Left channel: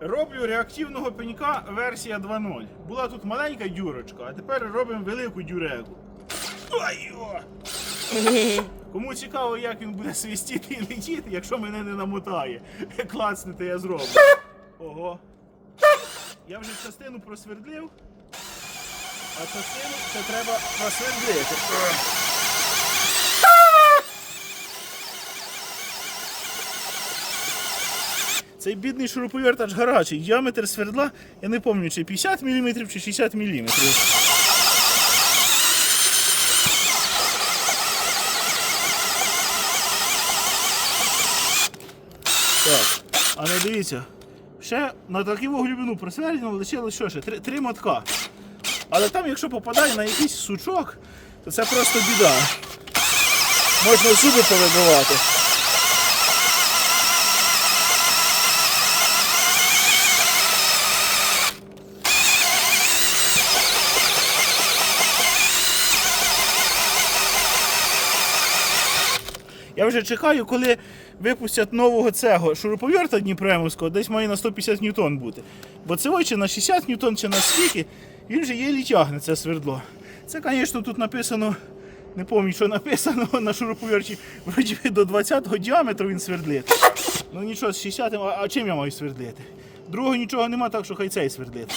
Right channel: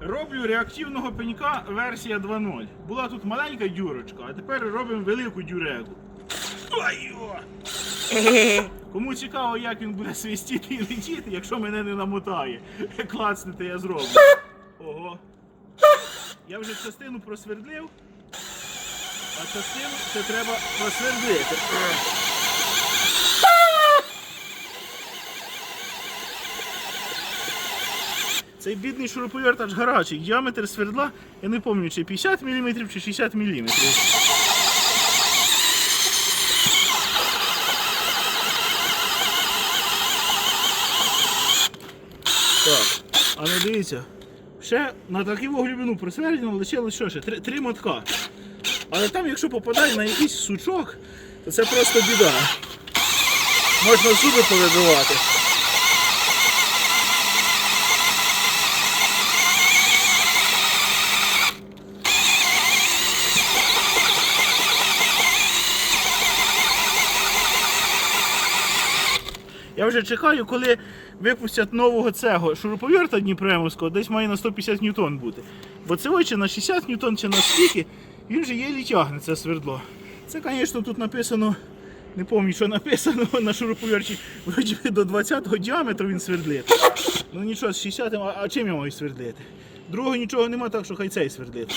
Роблю реактивного пенька версія 2.0. Була тут маленька дюрочка, а тепер робимо велику дюреку. Кому цікаво, як він буде свистіти і летіти, якщо мене не намотає. Клацнете, я зроблю. Ого. Я вже частину просвердлив, а частину ще треба просвердити. Цей бідний шуруповерт аж гарячий. Діаметр свердла, я не пам'ятаю, чи 50 мм, чи 60 мм. Так, а не дивіться. Ще на таку глибину просвердено лишилось що ще? Три, три мотка. Але там, якщо попадає на якийсь сучок, то це просто біда. Можна зуби повибивати. Я вже чекаю, коли випустять нового цього шуруповерта Дніпремовського, десь має на 150 ньютон бути. Бо це ой, чи на 60 ньютон, чи на скільки, він вже єлі тягне це свердло. Це, звісно, тут написано, не пам'ятаю, що написано на шуруповерті, вроді до 20-го діаметру він свердлить. Ну нічого, з 60 а, чим я маю свердлити? Другого нічого нема, так що хай цей свердлить.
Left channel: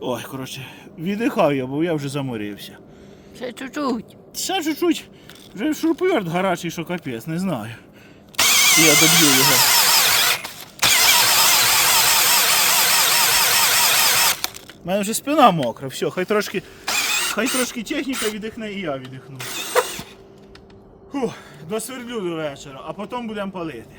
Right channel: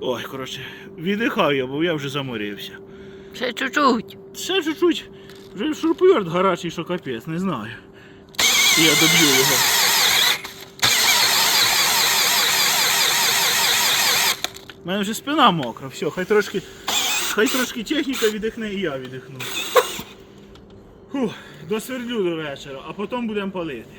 Ой, коротше, віддихав я, бо я вже заморився. Ще чуть-чуть. Ще чуть-чуть. Вже шурповерт гарячий, що капець, не знаю. Я доб'ю його. У мене вже спина мокра, все, хай трошки. Хай трошки техніка віддихне і я віддихну. Фух, досвердлю до вечора, а потім будемо палити.